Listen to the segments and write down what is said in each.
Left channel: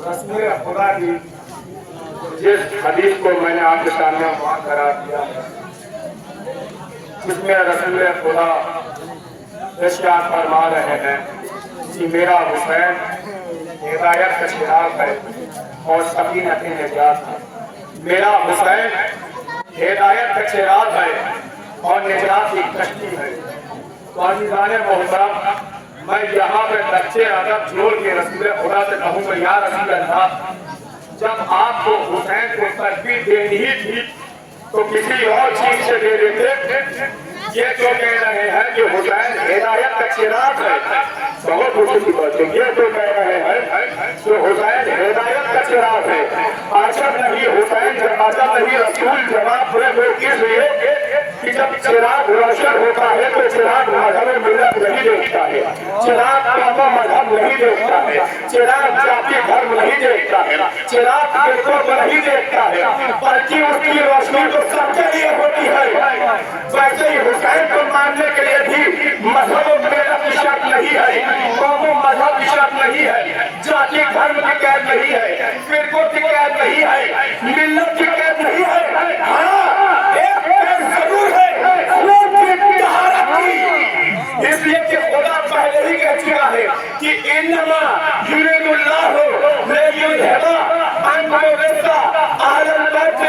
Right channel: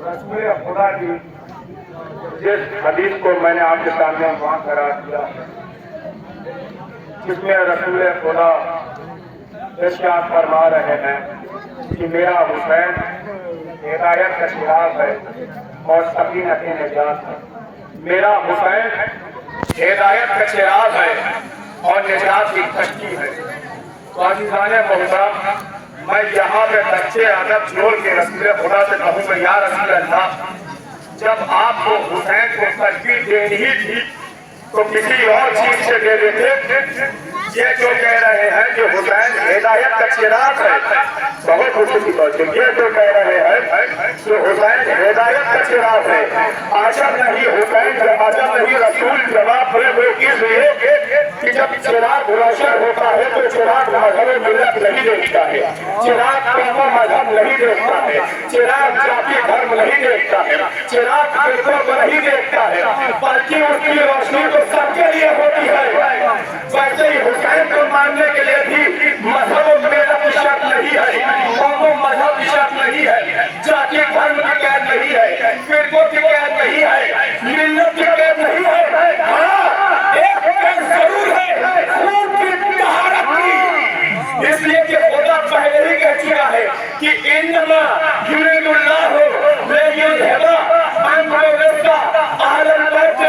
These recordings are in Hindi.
रसूल खुदा की जिस हदीस को मैंने आपके सामने वहां करा दिया, जिसमें रसूल खुदा इरशाद फरमा रहे हैं कि मेरा हुसैन हिदायत का चिराग है और सकीनत निजात है। मेरा हुसैन हिदायत का चिराग है और निजात की कश्ती है। तो अज़ीज़ाने मोहतरम, मैं यहाँ पे बच्चे अदब जोड़ के रसूल खुदा से कहूँगा, या रसूल अल्लाह, जब आपको हुसैन को तस्वीर देनी ही थी तो किसी और चीज से दे देते। ये जो कह रहे हैं कि हुसैन हिदायत का चिराग है, बहुत खुशी की बात है। ये जो कह रहे हैं कि हुसैन हिदायत का चिराग है, आजब नहीं हुसैन, आजब नहीं रसूल जवाब वो इसलिए कि जब चिराग रोशन होता है तो चिराग मजहब मिल्लत नहीं देखता है, चिराग कौम मजहब नहीं देखता है, चिराग जाति धर्म नहीं देखता है, चिराग फिरकों को नहीं देखता है, बल्कि उसकी रोशनी तो सबके लिए होती है। वैसे ही हुसैन को मानने के लिए भी मजहब मिल्लत की शर्त नहीं है, कौम मजहब की शर्त नहीं है, जाति धर्म की कैद नहीं है, फिरकों की कैद नहीं है, मिल्लत की कैद नहीं है। हाँ, एक कैद जरूर है, खून की तहारत की। इसलिए कि खुदा पहले ही कह चुका है कि इन्नमा युरिदुल्लाहु लियुज़हिबा अन्कुम रिज्सा अहलल बैत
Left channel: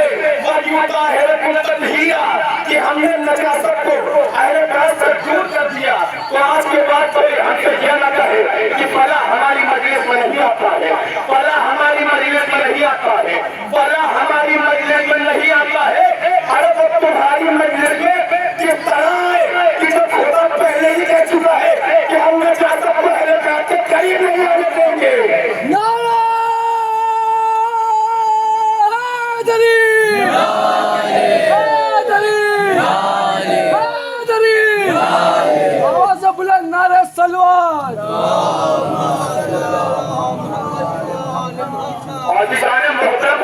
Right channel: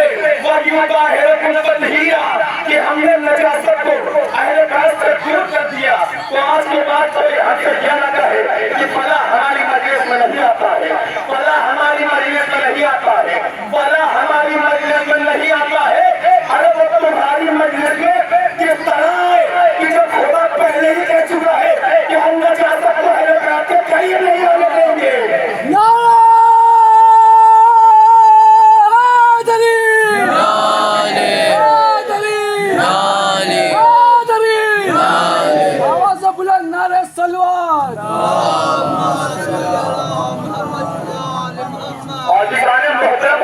व युताहिरकुम तत्हीरा, कि हमने नजासत को अहले बैत से दूर कर दिया। तो आज के बाद कोई हमसे यह न कहे कि फला हमारी मजलिस में नहीं आता है, फला हमारी मजलिस में नहीं आता है, फला हमारी मजलिस में नहीं आता है। अरे वो तुम्हारी मजलिस में किस तरह है कि जब खुदा पहले ही कह चुका है कि हम नजासत को अहले बैत से कहीं नहीं आने देंगे।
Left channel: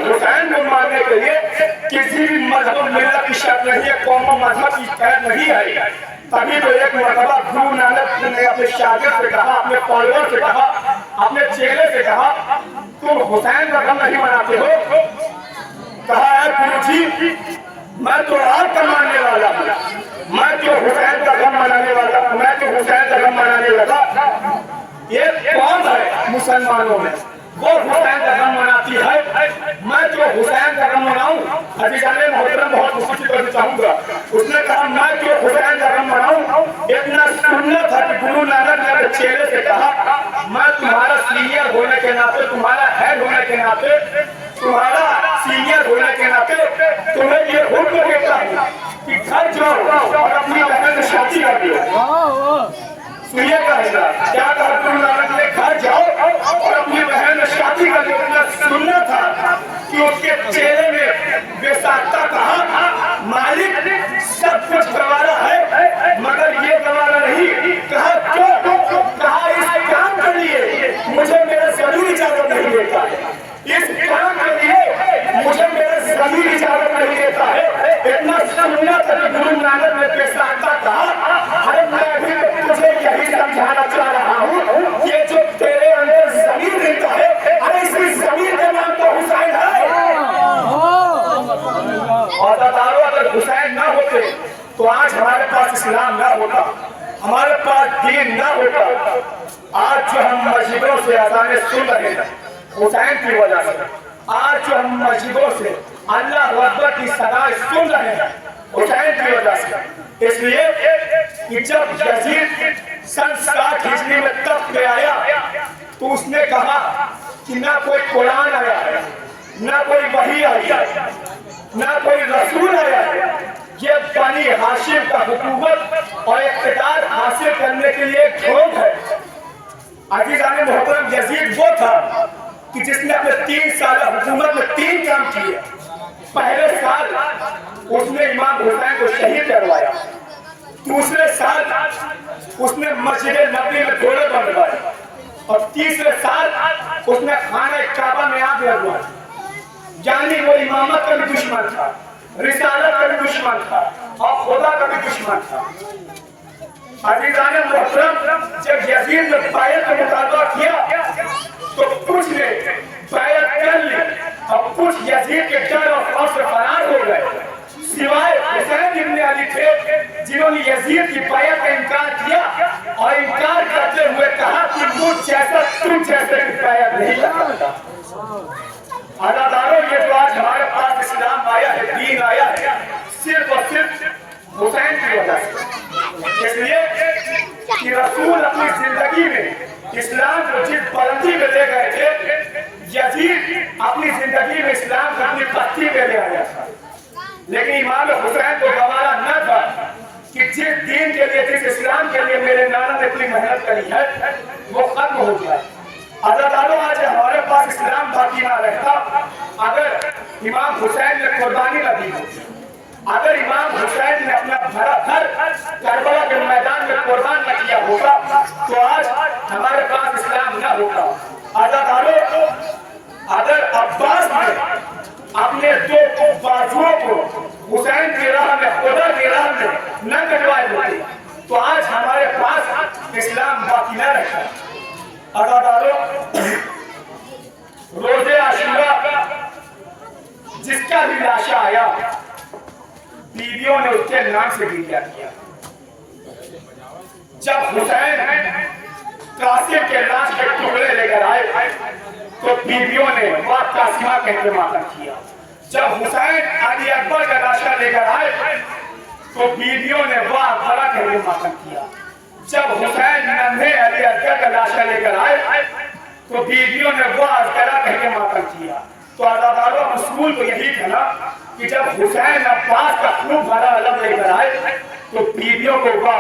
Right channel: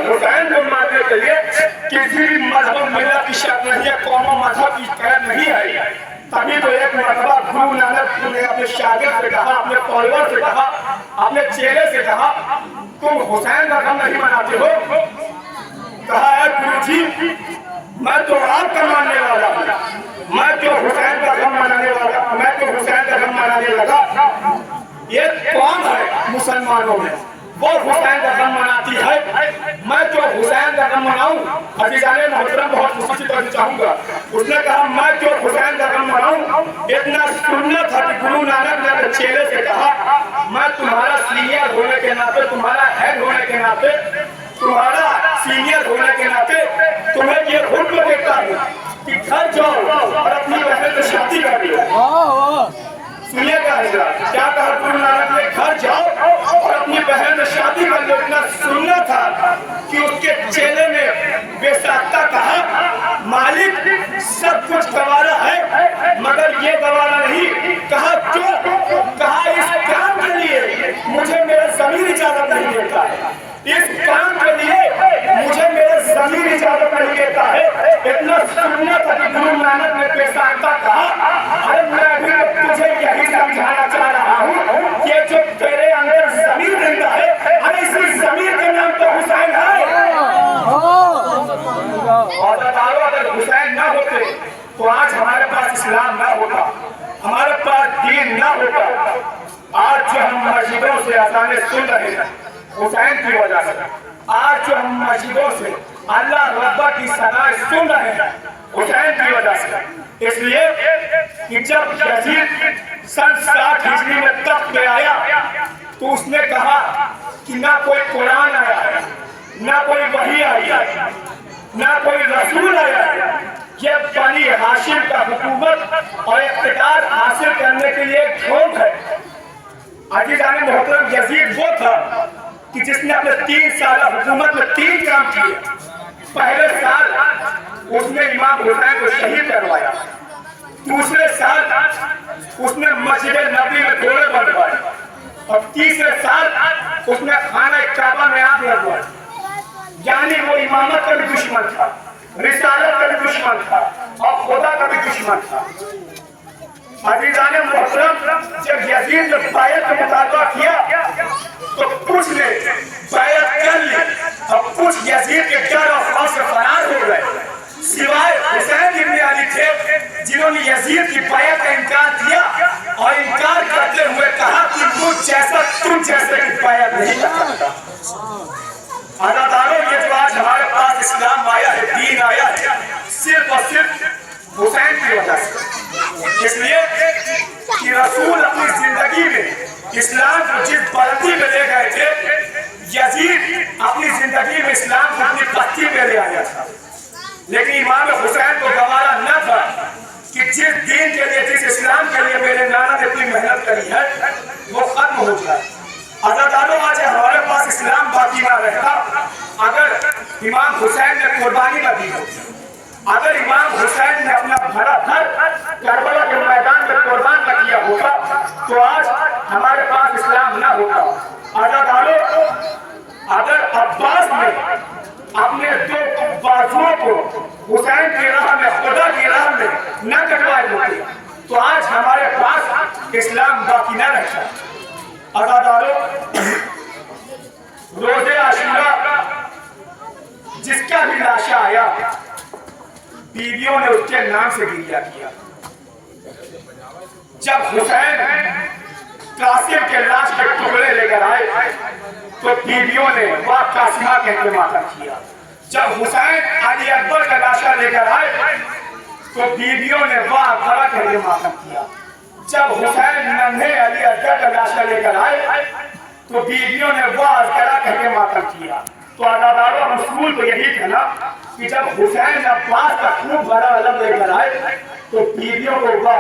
हुसैन को मानने के लिए किसी भी मजहब मिल्लत की शर्त नहीं है, कौम मजहब की कैद नहीं है। तभी तो एक मरतबा गुरु नानक ने अपने शागिर्द से कहा, अपने फॉलोअर से कहा, अपने चेले से कहा, तुम हुसैन का गम नहीं मनाते हो? कहा है गुरु जी, मैं तो आपका मानने वाला हूँ, मैं तो हुसैन का गम मनाने वाला, मैं तो हुसैन का गम मनाने लगा। ये कौन है मुसलमानों में वो हुसैन का गम मनाती है, मैं तो हुसैन का गम मनाऊं? अज़ीज़ाने मोहतरम, बहुत खुशी करना चाहूंगा। उसने कहा मैं तो हुसैन का गम मनाऊं। इतना सुन्नत था कि गुरु नानक ने अपने चेले से कहा, मैं तुम्हारा सीनियर होने के नाते, तुम्हारा हेड होने के नाते, तुम्हारा सीनियर होने के नाते तुम्हें ये हुक्म देता हूँ कि घर जाओ और अपनी बहन से शादी कर लो। सुनिएगा हजरत, क्या कहा गुरु नानक ने? घर जाओ और अपनी बहन से शादी कर लो। इतना सुनना था कि उसके चेले ने बेसाख्ता कहा, मालिक सब कुछ गवारा है मगर ये गवारा नहीं। कहा क्यों? कहा इस काम के लिए मुझे मेरा ज़मीर इजाजत नहीं देता है, इस काम के लिए मुझे मेरा ज़मीर इजाजत नहीं देता है। इतना सुनना था कि गुरु नानक ने बेसाख्ता कहा, अरे मैं भी तुझे यही समझाना चाह रहा हूँ, ये जो तेरे अंदर ज़मीर रहता है, अरे इस ज़मीर का नाम तो हुसैन है। और अगर हुसैन ना होते तो आज हमारे पास इस्लाम ना होता, हमारे पास दीन ना होता। आज जो हम मस्जिदों से अज़ानें सुन रहे हैं हुसैन की वजह से, आज जो हम मस्जिदों से अल्लाह रब्बा की सदाएं सुन रहे हैं हुसैन की वजह से। इसलिए कि जब यजीद सन 60 हिजरी में तख्त पे आया तो उसने कहा कि ना कोई कुरान आया है, ना कोई वही आई है, ना कोई रसूल आया है, ये बनी हाशिम का हुकूमत और इख्तियार हासिल करने के लिए झोंक है। अज़ीज़ाने मोहतरम, यजीद वो था कि जिसने अपने 3 साल हुकूमत में 3 काम किए। पहले साल उसने इमाम हुसैन को शहीद करवाया, दूसरे साल उसने मस्जिद नबी में घोड़े बनवाए, और तीसरे साल उसने खाना काबा में आग लगवाया। यानी वो इमामत का भी दुश्मन था, रिसालत का भी दुश्मन था और खुदा का भी दुश्मन था। अज़ीज़ाने मोहतरम, जब यजीद ने बायत का मुतालबा किया तो कुछ ने नहीं कर सकता। अदाकारों ये जो आज हमारे पास इस्लाम आया है, दीन आया है, सिर्फ और सिर्फ हुसैन की वजह से। इसलिए कि रसूल अपनी जिंदगी में इस्लाम को जिस बुलंदी में ले गए थे, यजीद अपनी जिंदगी में इस्लाम को अपनी पत्ती में ले आया था। लेकिन इमाम हुसैन को गवारा न था कि जिस दीन के लिए, जिस इस्लाम के लिए मेरे नाना ने अपनी मेहनत करी है, वो खत्म हो जाए। अदाकारों आज हमारे पास इस्लाम बाकी ना रहता अगर इमाम हुसैन ने कुर्बानी न दी होती, अगर इमाम हुसैन ने अपना भरा घर करबला के मैदान में कुर्बान न किया होता, तो आज हमारे पास इस्लाम न होता। अदाकारों, अगर अब्बास ने अपने दो बाजुओं को हुसैन की राह में, खुदा की राह में न कटवाए होते, तो आज हमारे पास इस्लाम बाकी न रहता। अदाकारों, रोज़े आशूरा जिसका भी लाशा आया, बीवियों ने उसके नाम से गिरिया किया। जब हुसैन कासिम के लाश के टुकड़े लेकर आए, तो बीवियों ने वाह कासिमा कहकर मातम किया। जब हुसैन अली अकबर का लाशा लेकर आए, तो बीवियों ने वाह भला कहकर मातम किया। जब हुसैन नन्हे अली अकबर का लाशा लेकर आए, तो बीवियों ने वाह करा कहकर मातम किया। तो अदाकारों, रसूल को यही था ना कि जब हुसैन अब्बास का खूब बड़ा अलग लेकर आए, तो बीवियों को वाह